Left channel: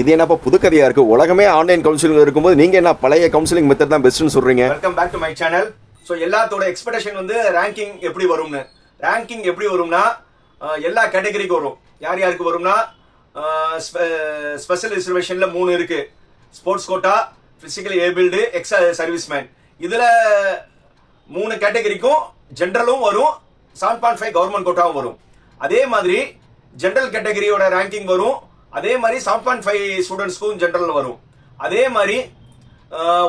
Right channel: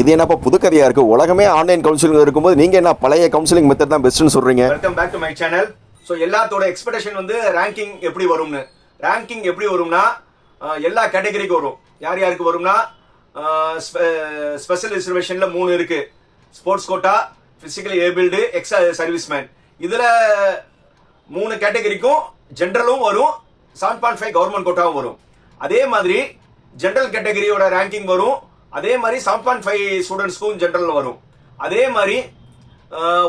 இது என்னப்பா புதுக்கதையா இருக்கு? உலகமே ஆன்லைன் கவுன்சிலிங் இருக்கும்போது நீங்க என்ன பழைய கவுன்சிலிங் மெத்தட் தான் பெஸ்ட்னு சொல்றீங்க? Welcome back to my channel so எல்லாத்தோட எக்ஸ்பெக்டேஷன் வந்து ரேங்கிங் எப்படி வரும்னு. ரேங்கிங் எப்படி வரும்னா எல்லா கேட்டகரிக்கு வரும். யார் யாருக்கு வரும்னா ஸ்பெஷல் ரிசர்வேஷன்ல மூணு இருக்கு. Sports quota physically abled ex serviceman இதுல மூணு கேட்டகரிக்கும் ஜென்ரலும் வரும் செவன் பாயிண்ட் ஃபைவ் கவர்மெண்ட் கோட்டாவும் வரும். அதே மாதிரி ஜென்ரல் கேட்டகரியோட ரேங்கிங் வரும் அதே மாதிரி செவன் பாயிண்ட் ஃபைவ் ஸ்டூடெண்ட்ஸ்க்கும் ஜென்ரல் வரும். அதே மாதிரி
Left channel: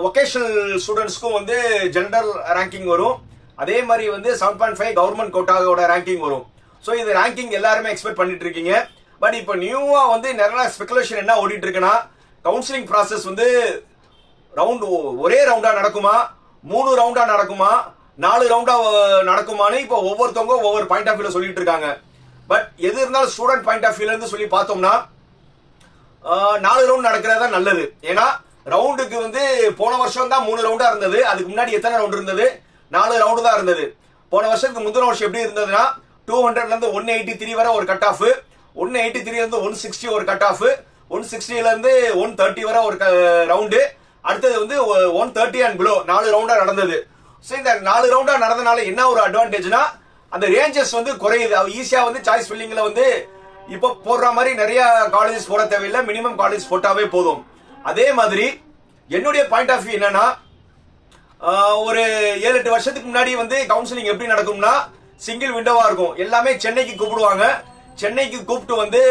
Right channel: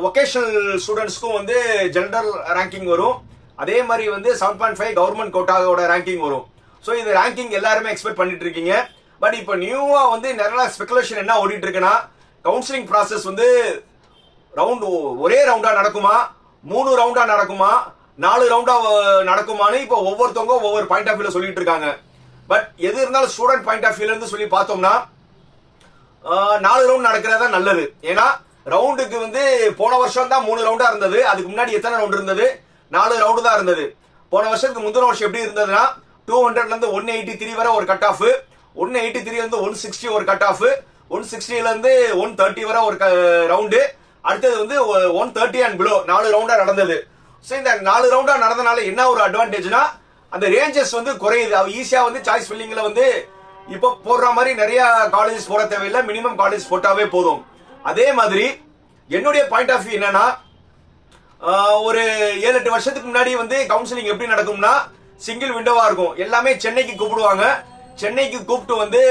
ஒகேஷனல் ஸ்டூடெண்ட்ஸ்க்கும் வந்து ஜென்ரல் ரேங்கிங் வரும். அதே மாதிரி வந்து செவன் பாயிண்ட் ஃபைவ் கவர்மெண்ட் கோட்டாவோட ரேங்கிங் வரும். ஸோ இது ரேங்கிங் எல்லாருமே எக்ஸ்பெக்ட் பண்ணிட்டு இருக்கீங்க. பட் இப்போ நியூவாக வந்து நிறைய ஸ்பெகுலேஷன் என்ன ஓடிட்டு இருக்குன்னா கவுன்சிலிங் ப்ராசஸ் வந்து ரவுண்ட் ஒரே ரவுண்டாக நடக்குமா? மூணு ரவுண்டா நடக்குமா? நாலு ரவுண்டா நடக்குமான்னு இப்போ ஒவ்வொருத்தவங்க ஒவ்வொரு பாயிண்ட் ஆஃப் வியூல சொல்லிட்டு இருக்காங்க. பட் எது இருந்தாலும் ஸ்டூடெண்ட் பாயிண்ட் ஆஃப் வியூல இருந்து சொல்லி பார்த்தோம்னா நாலு ரவுண்ட் நடக்கிறதா நல்லது. ஏன்னா ரவுண்டுக்கு வந்து போன வருஷம் தான் மூணு ரவுண்டா இருந்தது. அதுக்கு முன்னாடி எத்தனை ரவுண்ட் இருந்தது? நாலு ரவுண்டு தான் இருந்தது. போன வருஷத்துக்கு முந்தின வருஷம் எப்படி இருந்ததுன்னா டூ ஹண்ட்ரட்ல இருந்து ஒன் எயிட்டி த்ரீ வரை ஒரு cut off one eighty three இருந்து ஒன் சிக்ஸ்டி ஒரு கட் ஆஃப் ஒன் சிக்ஸ்டில இருந்து ஒன் தேர்ட்டி வரை ஒரு ரவுண்டு அடுத்தது வந்து ஒன் தேர்ட்டி அண்ட் பிலோ நாலு ரவுண்டா நடந்தது. ஸோ இந்த நாலு ரவுண்டா நடந்தனால என்ன ஒரு அட்வான்டேஜ்னா அந்த ரேஞ்சஸ் வந்து குறையுது. அவ ஈஸியா வந்து சாய்ஸ் ஃபில்லிங்ல வந்து இப்போ போடுற மாதிரி நிறைய காலேஜஸ் போட தேவையில்லை. மினிமம் காலேஜ் போட்டாவே போதும். அதே மாதிரி என்னுடைய பாயிண்ட் ஆஃப் வியூ என்னன்னா ஒரு ஏழு எட்டு வருஷத்துக்கு முன்னாடி வந்து கவுன்சிலிங் எப்படி நடக்கும்னா சிங்கிள் விண்டோவா இருக்கும். எல்லாமே சென்னைக்கு கூப்பிடுவாங்க. சென்னைக்கு கூப்பிட்டு வந்து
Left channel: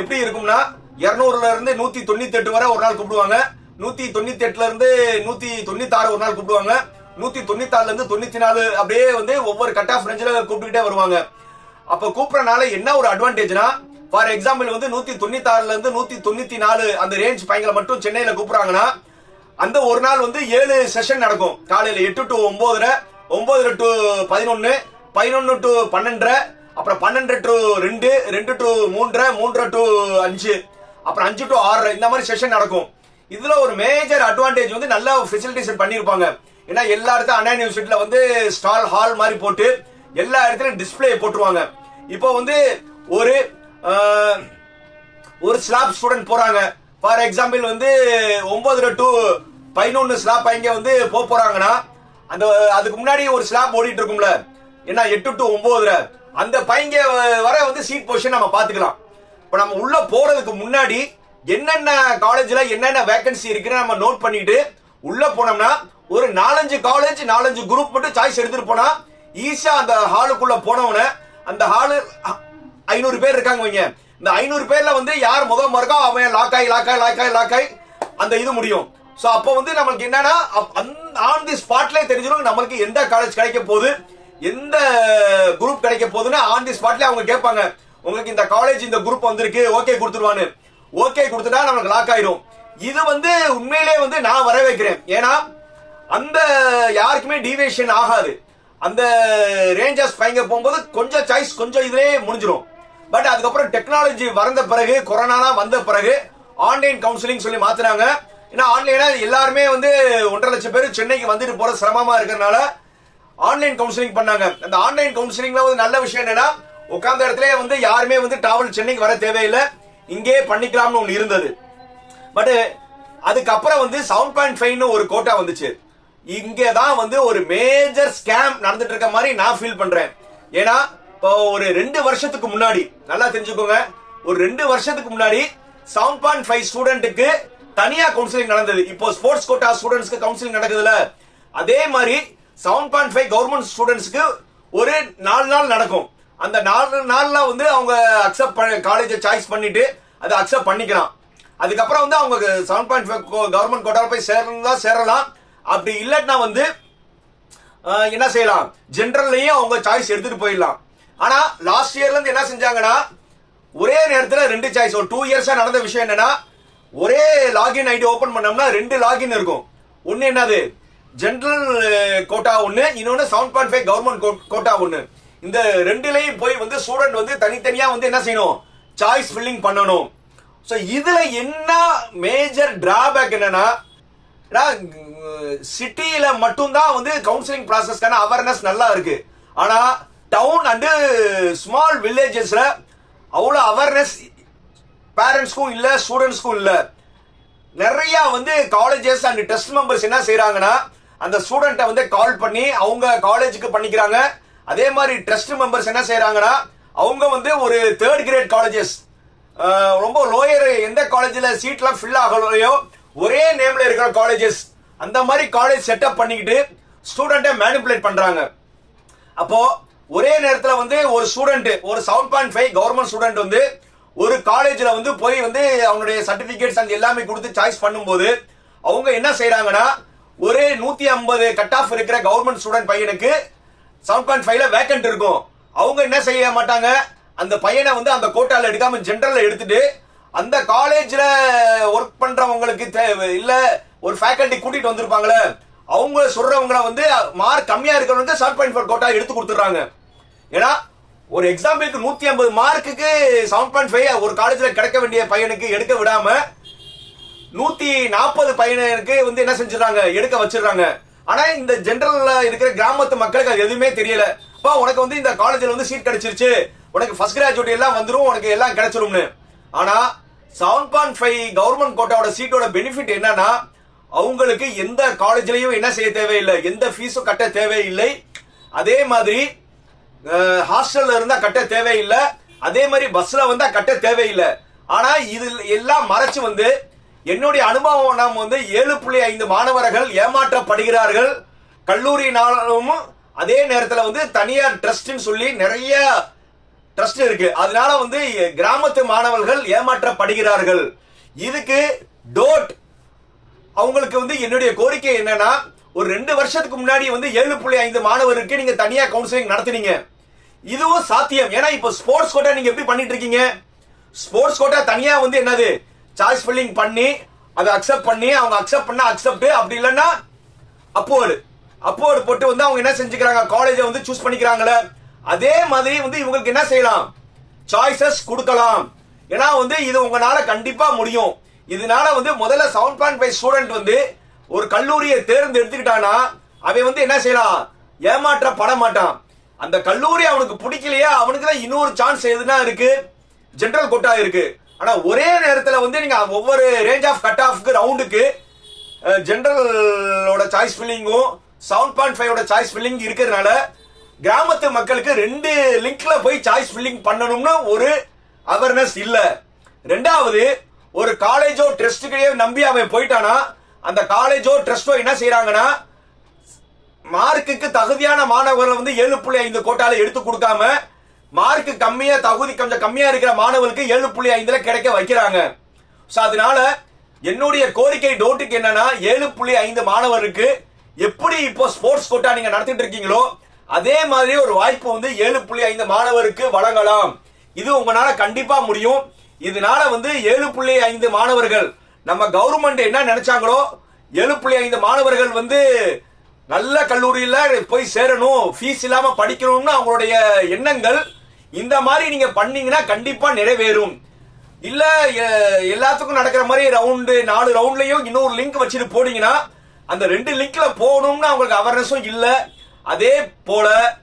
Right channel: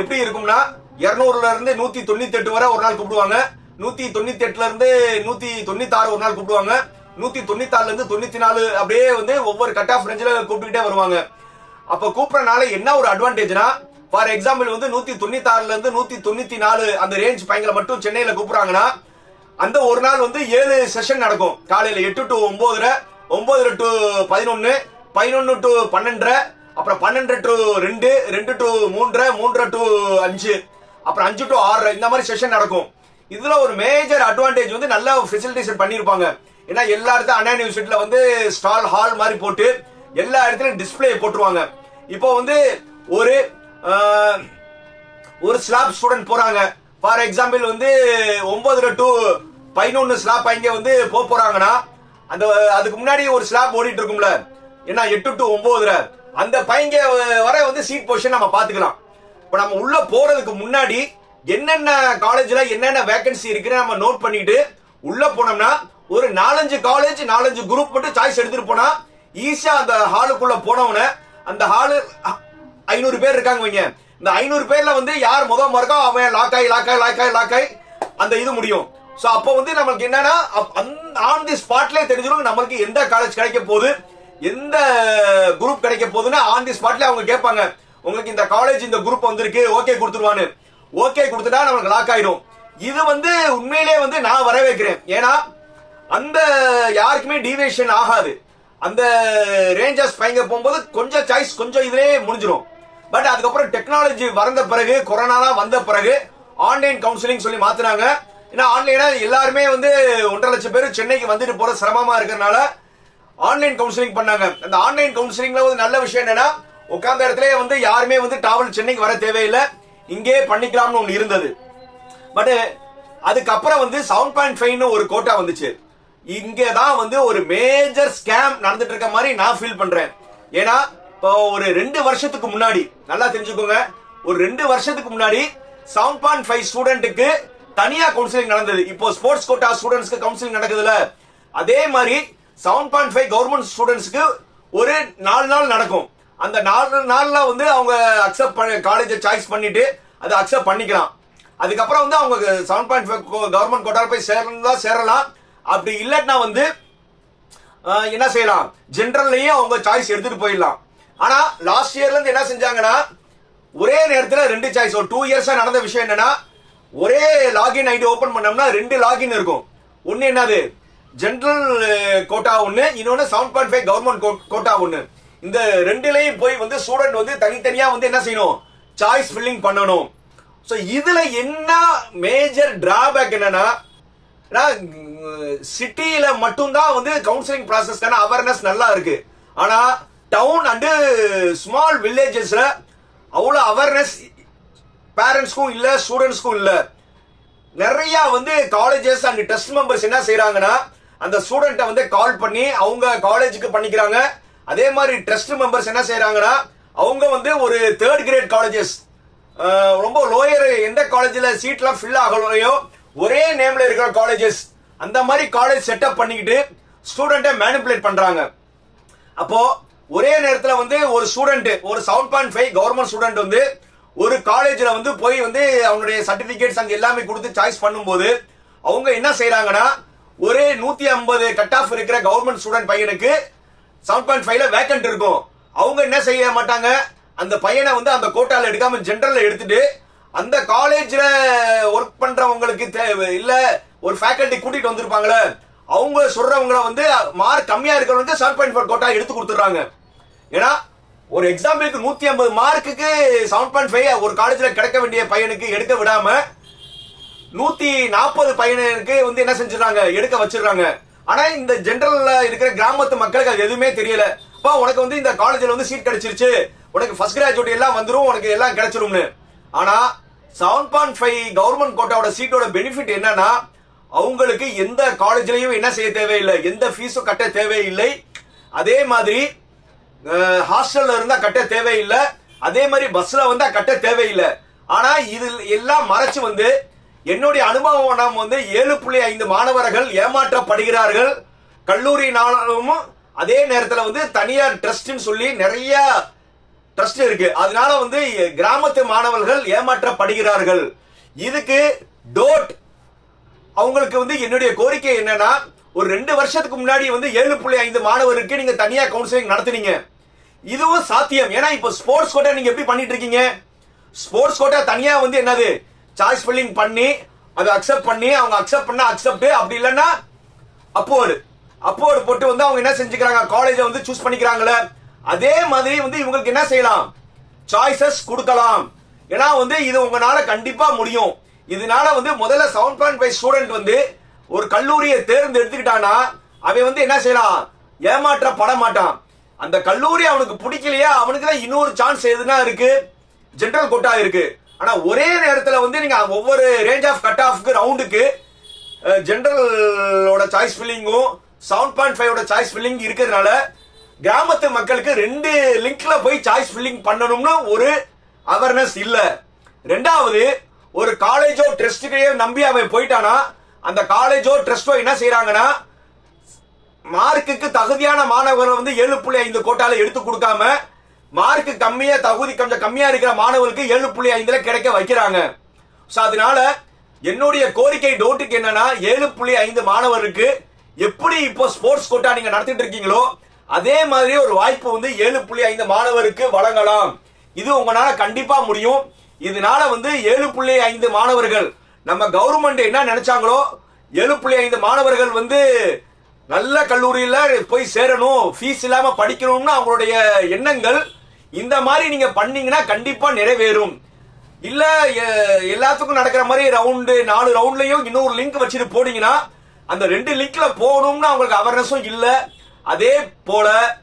எப்படி இருக்கும்னா இருநூறுல இருந்து நூத்தி தொண்ணூத்தி எட்டு வரை ஒரு நாள் கூப்பிடுவாங்க. நூத்தி தொண்ணூத்தி எட்டுல இருந்து நூத்தி தொண்ணூத்தி ஆறு ஒரு நாள் கூப்பிடுவாங்க. நூத்தி தொண்ணூத்தி ஆறுல இருந்து தொண்ணூத்தி நாலு அப்படியே வந்து ஒவ்வொரு கட் ஆஃப் ரேஞ்சில் கூப்பிட்டுக்கிட்டே வருவாங்க. அப்ப கூப்பிடறனால என்ன ஒரு அட்வான்டேஜ்னா ஃபார் எக்ஸாம்பிள் வந்து நூத்தி தொண்ணூத்தி ஆறுல இருந்து நூத்தி தொண்ணூத்தி நாலு அந்த ரேஞ்ச் பையங்களை மட்டும் சென்னையில கூப்பிடுறாங்கன்னா அந்த ஒரு நாள் வந்து ஏழு செஷன் நடக்கும். காலையில எட்டு டு ஒன்பதுரை ஒன்பதுல டு பதினொன்னு பதினொன்னு டு பன்னெண்டரை அப்புறம் பன்னெண்டு டு ரெண்டு ரெண்டு டு மூன்றரை மூன்றரை டு அஞ்சு அப்புறம் அஞ்சு டு ஆறரை இந்த மாதிரி செஷன் நடக்கும். இதுல ஒரு மேஜர் அட்வான்டேஜ் வந்து நல்ல ஃபெசிலிட்டிஸ் பண்ணிருப்பாங்க. ஏன்னா எல்லா இடத்துல அண்ணா யூனிவர்சிட்டியில வந்து ஸ்டால் ஹால் மாதிரி போட்டு எல்லா இடத்துலயும் டிஸ்ப்ளே போட்டுருவாங்க. இப்போ வந்து ஒரு ஒரு ஸ்லாப் ஸ்டூடெண்ட் போறாங்க. ஃபார் எக்ஸாம்பிள் வந்து ஒன்பதுல டு பதினொன்னு ஸ்லாப் இங்க வந்து போக போறாங்கன்னா அந்த அதுக்கு முன்னாடி ஒரு ஸ்லாப் ஓடிட்டு இருக்கும்ல. ஏன்னா எட்டு டு ஒன்பதுல அந்த பையங்க வர வந்து சீட் பொசிஷன் நம்ம பாத்துக்கலாம். இப்ப நம்ம உள்ள போறதுக்கு முன்னாடி என்னென்ன காலேஜ்ல என்னென்ன வேகன்சி இருக்குன்னு நம்ம நோட் பண்ணிட்டு உள்ள போனோம்னா ஒரு நாலஞ்சு காலேஜ் நாலஞ்சு குரூப் மட்டும் சாய்ஸ் எடுத்துட்டு போனா ஈஸியா அந்த ஹாலுக்குள்ள போனவன அந்த ஹாலு ஐநூறு பேர் இருக்காங்க வைங்க. இந்த ஐநூறு பேர்ல வந்து யார் முத மார்க்கோ அவன் லாக் ஆகி லாக் ஆகி லாக் ஆகி லாக் ஆகி அந்த இது முடியும். ஸோ அப்போ வந்து நமக்கு என்னன்னா ஆன் தி ஸ்பாட்லேயே தெரிஞ்சிடும் நம்மளுக்கு எந்த காலேஜ் கிடைக்க போகுது எந்த குரூப் கிடைக்க போகுதுன்னு ஆன் தி ஸ்பாட்லேயே அவங்க கேட்பாங்க. உங்களுக்கு இந்த காலேஜ் இந்த குரூப் வந்திருக்கு ஓகே கொடுத்துருவான்னு. ஓகே கொடுத்துட்டா நமக்கு லாக் ஆயிரும். இது வந்து உண்மையிலேயே வந்து நான் வர வைக்கிறேன் ஏன்னா அந்த யாருக்குமே டீவியேஷன் ஆகாது. அந்த ரேஞ்சர்ஸ் பையங்க போகும்போது கொஞ்சம் சாய்ஸ் கொஞ்சம் இதுலயே முடிஞ்சிடும் பட் அதுக்கப்புறம் டெக்னாலஜி வந்த பிறகு கொரோனாலாம் வந்த பிறகு ஆன்லைன் கவுன்சிலிங் சொல்லி மாத்தினாங்க. ஏன்னா ஆன்லைனா எல்லாருமே வந்து ஒன்றரை லட்சம் பேர் சென்னைக்கு வந்துட்டு போற சிரமமா இருக்கிறனால ஆன்லைன் கவுன்சிலிங் பண்ணாங்க. அந்த ஆன்லைன் கவுன்சிலிங்ல வந்து நல்ல விஷயம் என்னன்னா உட்கார்ந்த இடத்துல வந்து யாருமே வந்து டிராவல் சென்னைக்கு வர தேவையில்லை. இங்கே பண்ணிக்கலாம்னு ஒன்று இருந்தது. பட் அதுக்கப்புறம் வந்து செவன் பாயிண்ட் ஃபைவ்னு ஒரு கோட்டா வந்துச்சு. இங்கதான் வந்து ஒரு மேஜர் ஸ்கேம் நடந்துட்டு இருக்க மாதிரி நான் ஃபீல் பண்றேன். ஏன்னா இப்போ ஒரு ரெண்டு வருஷத்துக்கு முன்னாடி நல்லா தெரிஞ்சுக்கோங்க ஒரு ரெண்டு வருஷத்துக்கு முன்னாடி செவன் பாயிண்ட் ஃபைவ் ஸ்டூடெண்ட்டுக்கு தனியா கவுன்சிலிங் நடந்தது. இப்போ ஸ்போர்ட்ஸ் கோட்டா ஸ்டூடெண்ட்ஸ்க்கு கவுன்சிலிங் நடக்குதுல. அதே மாதிரி செவன் பாயிண்ட் ஃபைவ் கவர்மெண்ட் ஸ்டூடெண்ட்ஸ்க்கு ஒரு நாலு நாள் நடக்கும். அந்த நாலு நாள்ல வந்து அவங்க அக்செப்ட் பண்ண காலேஜை சாய்ஸ் பண்ணிட்டு அதை அக்செப்ட் பண்ணிக்கலாம். அதுக்கப்புறம் வந்து அவங்க செவன் பாயிண்ட் ஃபைவ் கவர்மெண்ட் கோட்டால போய் சேரணும்னா சேரலாம். அப்படி இல்லாட்டினா வந்து என்ன செய்யலாம்? ஜென்ரல்லையும் அவங்க சாய்ஸ் எடுத்துட்டு போயிடலாம். ஆனா லாஸ்ட் இயர்ல இருந்து என்ன செஞ்சாங்கன்னா ஒரே நேரத்துல ரெண்டு சாய்ஸ் ஒரு டூ இயர்ஸா நடந்த விஷயம் என்னன்னா ஒரே லாகின் ஐடி ஓபன் பண்ணோம்னா ரெண்டு லாகின் இருக்கும். ஒன்னு என்னது? ஜென்ரல் கோட்டா ஒன்னு இன்னொன்னு seven point five government quota ஒன்னு இந்த ரெண்டுலையும் போய் வந்து ஸ்டூடெண்ட் வந்து தனித்தனியா வந்து என்ன செய்யணும்? சாய்ஸ் ஃபில்லிங் பண்ணணும். ஸோ இதுல என்ன மேஜர் டிராபேக் என்னன்னா சிட்டியில மட்டும்தான் வந்து கவுன்சிலிங் ப்ராசஸ்க்கான அவேர்னஸ் நல்லா இருக்கு. ஆனா டவுன் அண்டு ஸ்மால் வில்லேஜஸ்ல அவ்வளோ அவேர்னஸ் பேரண்ட்ஸ்க்கும் இல்லை ஸ்டூடெண்ட்ஸ்க்கும் இல்லை. நிறைய வந்து காலேஜஸ் அண்ட் டெஸ்ட் மெம்பர்ஸ் என்ன செய்யறாங்கன்னா அந்த ஸ்டூடெண்ட்டை வந்து கால் பண்ணி அவங்க காலேஜுக்கு பண்ணிக்கிறாங்க. அதே மாதிரி ட்ரஸ்ட் மெம்பர்ஸ் என்ன செய்யறாங்கன்னா அவங்க வந்து ஒரு தேர்ட் கிரேட் காலேஜஸ் ரொம்ப லோயர் எந்த காலேஜில் சீட்லாம் ஃபில் ஆகலையோ ஒரே நேம்ல இருக்கிற காலேஜஸ் அந்த மாதிரி காலேஜ் செட்டப் பண்ணிக்கிட்டு ஸ்டூடெண்ட்டை மேனிப்புலேட் பண்றாங்க. அப்போ ஒரே நேரத்தில் வந்து ஒரு ஸ்டூடெண்ட் ஒரு seven point five government student வந்து ஒரு காலேஜில் வந்து போய் வந்து அவங்களுடைய சர்டிபிகேட்ஸ் அங்கே எல்லாமே கொடுத்து சாய்ஸ் பண்ணும்போது அவங்க என்ன செய்யறாங்கன்னா ஒரு நூத்தி ஐம்பது கட் ஆஃப் இருக்கிற கவர்மெண்ட் ஸ்டூடெண்ட் பையனுக்கு செவன் பாயிண்ட் ஃபைவ்ல வேக்கன்ட் இருக்கும். அவங்க என்ன செய்ய மாட்டாங்க? அந்த பையனை வந்து அந்த கோட்டால எடுக்காம ஜென்ரல்ல எடுத்துட்டு அந்த காலேஜ்ல ஒர்க் பண்றவங்களுக்கு தேவை இல்ல ஒரு ஃபேக்கல்டி கூட்டிட்டு வந்திருப்பாங்களே அவங்க சொல்றவங்கள வந்து மார்க் கம்மியா இருக்கிறவங்க செவன் பாயிண்ட் ஃபோர் கோட்டா எடுத்து கொடுத்துறாங்க ஏன்னா ஒரு எக்ஸாம்பிளுக்கு நூத்தி ஐம்பது மார்க்குக்கு செவன் பாயிண்ட் ஃபைவ் ஒரு காலேஜ்ல கிடைக்க வேண்டிய பையனுக்கு எடுக்க விடாம நூத்தி நாற்பது பையனுக்கு வந்து என்ன செஞ்சிடறாங்க? எடுக்க வச்சிடுறாங்க. ஆனா இந்த ஜென்ரல்ல இருக்கிற கிராமத்து மக்களுக்கு அது எதுவுமே தெரியல. அப்பா உனக்கு வந்து இந்த காலேஜ்ல வந்து சீட் கிடைச்சிருச்சு. உனக்கு ஃபர்ஸ்ட் கிராஜுவேட் எல்லாம் வந்துரும் உனக்கு எல்லாம் கிடைச்சிரும்னு. ஆனா செவன் பாயிண்ட் ஃபைவ் கவர்மெண்ட் கோட்டாவோட சீட்டோட பெனிஃபிட் என்னன்னா அவங்களுக்கு எந்த காலேஜ்லயும் என்ன செய்ய தேவையில்லை எந்த ஃபீஸும் கட்ட தேவையில்லை. அதே மாதிரி ஹாஸ்டல்ல இருந்தா கட்ட தேவையில்லை. அதே மாதிரி பஸ்ல வந்தா கட்ட தேவையில்லை. ஆனா இது எல்லாம் மறைச்சு வந்து என்னுடைய அனுபவம் நாம் வந்து ஏழு புள்ளி ஐந்து மாணவர்கள் ஏமாற்றப்படுகிறார்கள். கல்லூரினாலும் அதே நேரத்தில் வந்து தனியார் ட்ரஸ்ட்னு சொல்லி நிறைய ட்ரஸ்ட் இருக்கு. அதனால வந்து கிராமத்து மாணவர்கள் ஏமாற்றப்படுகிறார்கள். இதுக்கு டோட் அவங்களுக்கு வந்து என்னுடைய கோரிக்கை என்னன்னா ஒரு ரெண்டு வருஷத்துக்கு முன்னாடி வந்து ஏழு புள்ளி ஐந்து மாணவருக்கு நீங்க தனியா கவுன்சிலிங் நடத்துனீங்க. இதுவும் சாத்தியம். ஏன்னா இப்போ ஸ்போர்ட்ஸ் கோட்டா நீங்க எப்படி பண்ணிட்டு இருக்கீங்க? ஸ்போர்ட்ஸ் கோட்டா தனியா வந்து என்னது? சாய்ஸ் ஃபில்லிங் பண்ணி அதை அக்செப்ட் பண்ணி அவங்க அக்செப்ட் பண்ணா அக்செப்ட் அப்படி இல்லைன்னா அப்போடு அப்போடு போட்டு வந்து அவங்க என்ன செஞ்சுக்கிறாங்க? காலேஜை வந்து சூஸ் பண்ணிக்கிறாங்களே. அதே மாதிரி வந்து இவங்களுக்கு என்ன செய்யலாம்? சாய்ஸஸ் கொடுக்கலாம். ஏன்னா வந்து இது உங்களால கண்டிப்பா முடியும். இதனால வந்து முதல்ல செவன் பாயிண்ட் ஃபைவ் ஸ்டூடெண்ட் வந்து ஒரு கல்லூரியை தேர்ந்தெடுத்துக்கிட்டானா அவன் வந்து என்ன செய்யலாம்? ஏமாற்றப்பட மாட்டான். அந்த கல்லூரி அவனுக்கு பிடிக்கலையா அவனுக்கு தான் இன்னொரு சான்ஸ் எதுனா இருக்கு? ஜென்ரல் கோட்டா இருக்கு. ஆனா ஒரே நேரத்துல வந்து நீங்க ஒவ்வொரு ரேஞ்ச் ஆஃப் கட் ஆஃப்க்கு ரவுண்டுக்கு ஜென்ரலோட சாய்ஸ் ஃபில்லிங்கும் செவன் பாயிண்ட் ஃபைவோட சாய்ஸ் ஃபில்லிங் இருக்கிறதுனால கிராமத்து மக்களுக்கு ரெண்டு லிங்க்ல போய் சாய்ஸ் ஃபில்லிங் பண்ணணும்னு ஒரு அவேர்னஸ் இல்ல. ரெண்டாவது ஒரு காலேஜோ ட்ரஸ்டுக்கையோ நம்பி அவன் போயிட்டானா அந்த காலேஜோ ட்ரஸ்டோ என்ன செய்யறாங்கன்னா மார்க்குக்கு தகுதியான மாணவர்களை வந்து ஏழு புள்ளி ஐந்து கோட்டால எடுத்து கொடுக்காம மார்க் கம்மியா தகுதி கொஞ்சம் கம்மியா இருக்கிற மாணவர்களுக்கு ஏழு புள்ளி ஐந்துல கிடைக்க வைக்கிறாங்க. ஸோ அதனால என்னுடைய கோரிக்கை டோட்டுக்கு என்னன்னா ஏழு புள்ளி ஐந்து மாணவருக்கு எப்படி இப்போ ஸ்போர்ட்ஸ் கோட்டா நீங்க நடத்திட்டு இருக்கீங்களோ அதே மாதிரி ஒரு வாய்ப்பு வந்து ஏழு புள்ளி ஐந்து மாணவருக்கு வழங்கலாம். இது உங்களால கண்டிப்பா முடியும். இதனால வந்து ஏழு புள்ளி ஐந்து மாணவர்கள் நம்ம கவர்மெண்ட் என்ன நினைச்சாங்களோ ஏழு புள்ளி ஐந்து மாணவர்கள் வந்து நல்ல கல்லூரியில போய் சேரணும் ஃபீஸ் இல்லாம படிக்கணும்னு அவங்களுடைய எண்ணங்கள் இந்த மாதிரி நீங்க பண்ணீங்கன்னா கண்டிப்பா நிறைவேறும். இல்ல எ- எல்லாத்துக்கும் நடக்கிற மாதிரி ரவுண்டு நாலு ரவுண்ட்லயும் இன்னொரு லிங்க் வச்சுட்டு போனீங்கன்னா அந்த ரெண்டு லிங்க்ல போகணும்னு அவங்களுக்கு அவேர்னஸும் இல்லை. அதே போல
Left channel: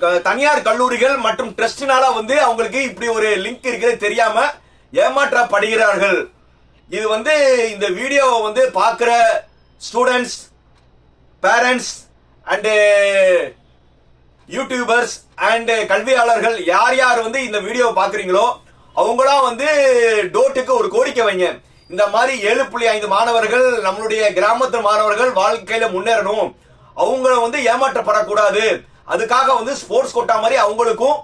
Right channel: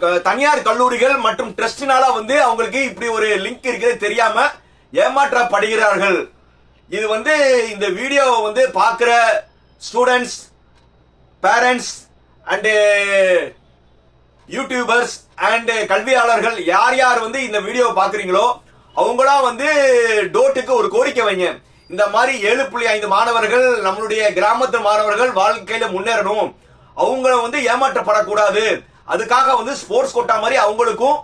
க- தனியார் கல்லூரிகள் மற்றும் ட்ரஸ்டினால வந்து அவங்களுக்கு இப்படி ஒரு லிங்க் இருக்கிறது தெரியாம ஏமாற்றப்படுகிறார்கள். இது வந்து இந்த வீடியோவை வந்து பார்க்குற students parents and YouTubers and கல்வியாளர்கள் யார் யார் வந்து இந்த வீடியோவை பார்க்குறீங்களோ அவங்களாம் வந்து டோட்டுக்கு ஒரு கோரிக்கை வைங்க. இந்த மாதிரி ஏழு புள்ளி ஐந்து மாணவர்கள் நம்மளுடைய கிராமத்து மாணவர்கள் வாழ்க்கையில முன்னேறணும். அவங்கள வந்து ஏமாற்றப்படக்கூடாது. அதுக்காக வந்து ஸ்போர்ட்ஸ் கோட்டா மாதிரி அவங்களுக்கும்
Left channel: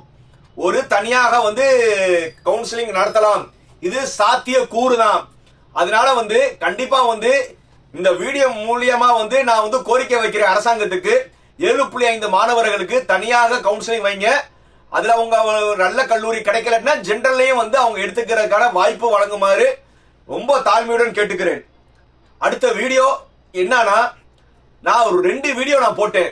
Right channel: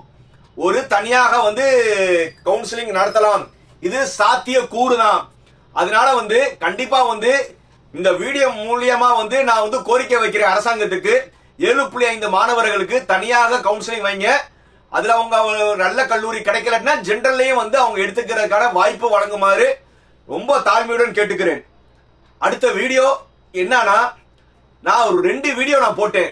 ஒரு தனியாக வந்து கவுன்சிலிங் நடத்தலாம். இது சாத்திய கூறு தான் அதனால வந்து கண்டிப்பா வந்து இந்த வீடியோ மூலியமா வந்து நான் வந்து கோரிக்கை வைக்கிறேன் அரசாங்கத்துக்கு. ஏழு புள்ளி ஐந்து மாணவர்களுக்கு தனியாக கவுன்சிலிங் வைங்க. அதுல அவங்க ஒரு நல்ல கல்லூரி கிடைக்கலன்னா ஜென்ரல்லையும் வந்து அவங்க எடுத்துக்கிறதுக்கான வாய்ப்பு வழங்குமாறு ரொம்ப தாழ்மையுடன் கேட்டுக்கிறேன். அடுத்த வீடியோ என்னன்னா நான் ஒரு ரெண்டு வீடியோ நான் போட்டேன்.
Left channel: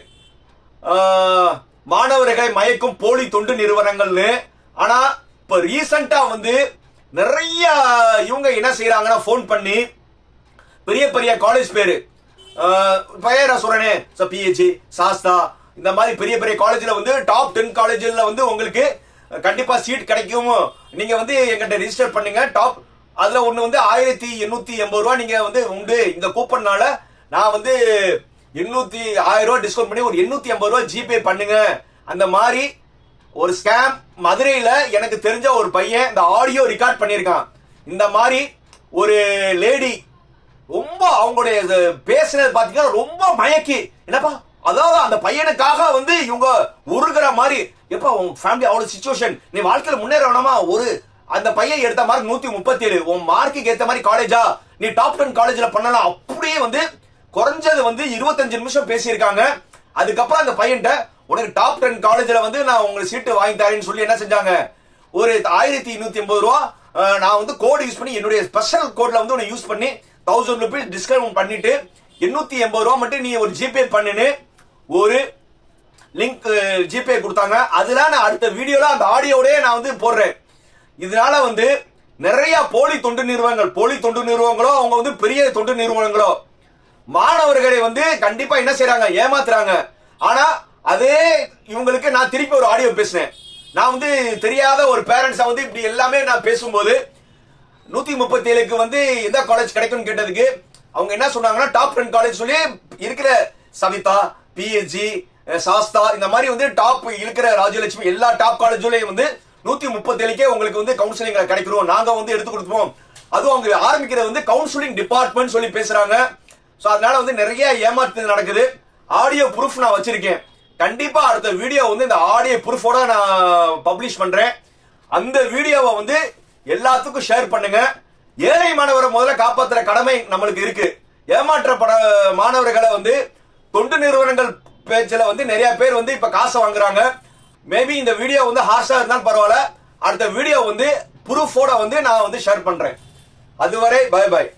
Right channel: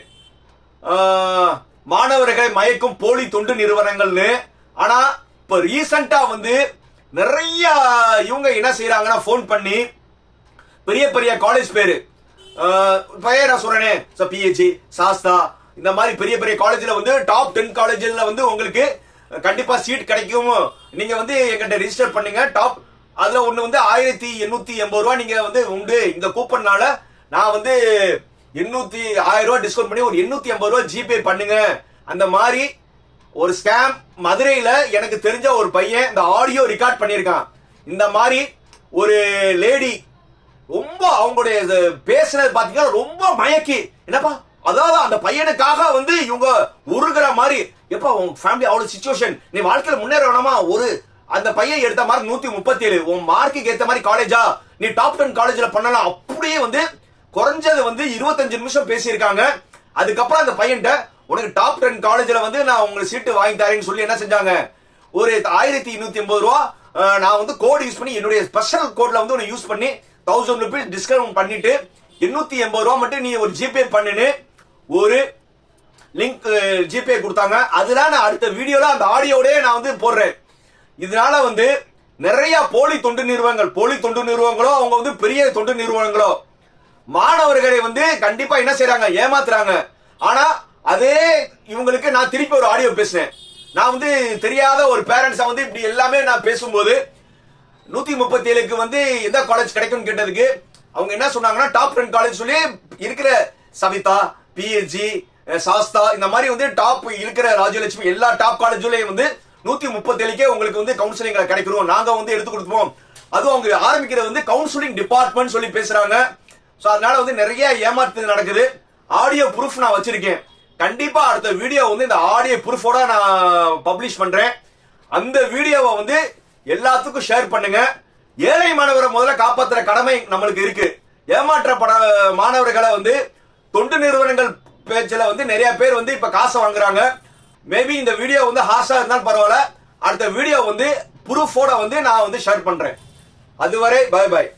மாணவர்களை மயக்கும் போலி தொண்டு நிறுவனங்கள்னு. ஆனா இப்ப ரீசண்டா வந்து நிறைய இவங்க என்ன செய்யறாங்கன்னா ஃபோன் பண்ணி பெரிய பெரிய காலேஜ் பேரு. அஹ், பெயர் நான் சொல்றேனே? பிஹெச்சி சாஸ்தா இந்த மாதிரி பெரிய பெரிய காலேஜ்ல வந்து டாப் டென் காலேஜ்ல வந்து உங்களுக்கு கண்டிப்பா சீட் கிடைக்கும். நீங்க வந்து எங்கிட்ட ரிஜிஸ்டர் பண்ணுங்க. டாப் அதுல ஒண்ணு வந்து ஆயிரத்தி எண்ணூத்தி எண்பது ரூபா நீங்க வந்து உண்டு. இந்த கூப்பன்னால நான் வந்து எண்ணூத்தி ஆயிரம் ரூபாய் டிஸ்கவுண்ட் பண்ணி ஒரு எண்ணூத்தி ஐம்பது ரூபாய் ஜிபே பண்ணுங்க. அந்த மாதிரி ஒரு ஸ்கேம் மதுரையில எனக்கு தெரிஞ்ச ஒரு பையன் இந்த ஆடியோ ரெக்கார்ட் பண்ணியிருக்கான். இந்த மாதிரி ஒரு லேடி ரொம்ப அவங்களுடைய இது பேசுனது பாத்தீங்கன்னா ரொம்ப மயக்கி. என்னப்பா? அதாவது அந்த பையனுக்காக வந்து இவங்க உருகிற மாதிரி. எப்ப உன் ஃபேமிலி அவ்வளவு சுச்சுவேஷன் நீ வாழ்க்கையில முன்னேற வேணாமா ஒரு அந்த பையன் எடுத்த மாதிரி நூத்தி முப்பத்தி ஏழு உன் மார்க்குக்கு ஏத்த மாதிரி காலேஜா நீ டாப் டென் காலேஜ்ல பண்ணலாம். அப்படியே வந்து குறைஞ்சது வந்து இருபத்தஞ்சு நிமிஷம் பேசியிருக்காங்க. அதுக்கப்புறம் அந்த பையன்ட்ட உனக்கு டாப் டென் காலேஜ்ல வந்து நான் உங்களுக்கு சீட்டு வாங்கி தரேன்னு சொல்லி என்ன செஞ்சாங்க? ஒரு ஆயிரத்தி இன்னூத்தி ஐம்பது ரூபா நான் வந்து கோடு யூஸ் பண்ணி என்னுடைய ஸ்பெஷல் கோட்ல வந்து உன்னை யூஸ் பண்ணி தௌசண்ட் ருபீஸ் டிஸ்கவுண்ட் பண்ணிட்டு எண்ணூத்தி எண்பது ரூபா மட்டும் நீ ஒரு ஜிபே பண்ணுன்னு ஒரு லிங்க் ஜிபே கொடுத்தாங்க. அதுல நான் அடுத்த வீடியோல அந்த ஆடியோடய நான் வந்து போடுறேன். இதனால வந்து நிறைய போலி தொண்டு நிறுவனங்கள் போலி தொண்டு நிறுவனங்களோ அவங்க வந்து பெரிய தொண்டு நிறுவனங்களோ மாணவர்களை வந்து கண்டிப்பா என்ன செய்யறாங்க ஏமாத்துறாங்க. ஆனா அதே இவங்களுக்கு நான் திருப்பி ஒரு ஆடியோ பேசினேன். நான் வந்து தெரியாத ஒரு பேரண்ட்ஸா வந்து இப்படி எல்லாமே நான் பேசும்போது நூத்தி முப்பத்தி ஏழுக்கு வந்து எந்த காலேஜ் கிடைக்கும் கேட்டதுக்கு அவங்க என்ன சொன்னாங்கன்னா டாப் டென் காலேஜ் சொல்லி இருக்கிற சவிதா பிஎஸ்ஜி சாஸ்தா இந்த மாதிரி வந்து டாப் இருக்கிற ராஜலட்சுமி எல்லா டாப் காலேஜ்லயும் வந்து நூத்தி முப்பத்தி ஏழுக்கே உங்களுக்கு வந்து கவுன்சிலிங் கிடைக்கிறோம். நாங்க வந்து எடுத்து கொடுப்போம் அதுவும் அவங்க ஆரம்பிக்கிறது வந்து கவுன்சிலிங் டிபார்ட்மெண்ட் சொல்லி பேசுறாங்க. சோ அதனால வந்து நிறைய ஏமாத்து நடக்குது. ஆடியோ ப்ரூஃப் நான் வச்சிருக்கேன். கண்டிப்பா அடுத்த வீடியோ வந்து இந்த ஆடியோ ப்ரூஃபோட நான் பப்ளிஷ் பண்றேன். அந்த வீடியோவை வந்து எல்லாத்துக்கும் ஷேர் பண்ணுங்க. ஏழை மாணவரை முதல்ல காப்பாத்துற கடமை நம்மளுக்கு இருக்கு. ஏமாற்றப்பட மாணவர்களை வந்து தொண்டு நிறுவனங்கள் பேச்சில் வந்து நிறைய பேர் வந்து இப்ப காசை வாங்குறாங்க. மேபி இந்த வீடியோ வந்து ஹார்ஷா இருந்தாலும் பரவாயில்ல. அடுத்த வீடியோ வந்து ப்ரூஃபோட வந்து நான் வந்து ஷேர் பண்றேன். அதுவரை பை பாய்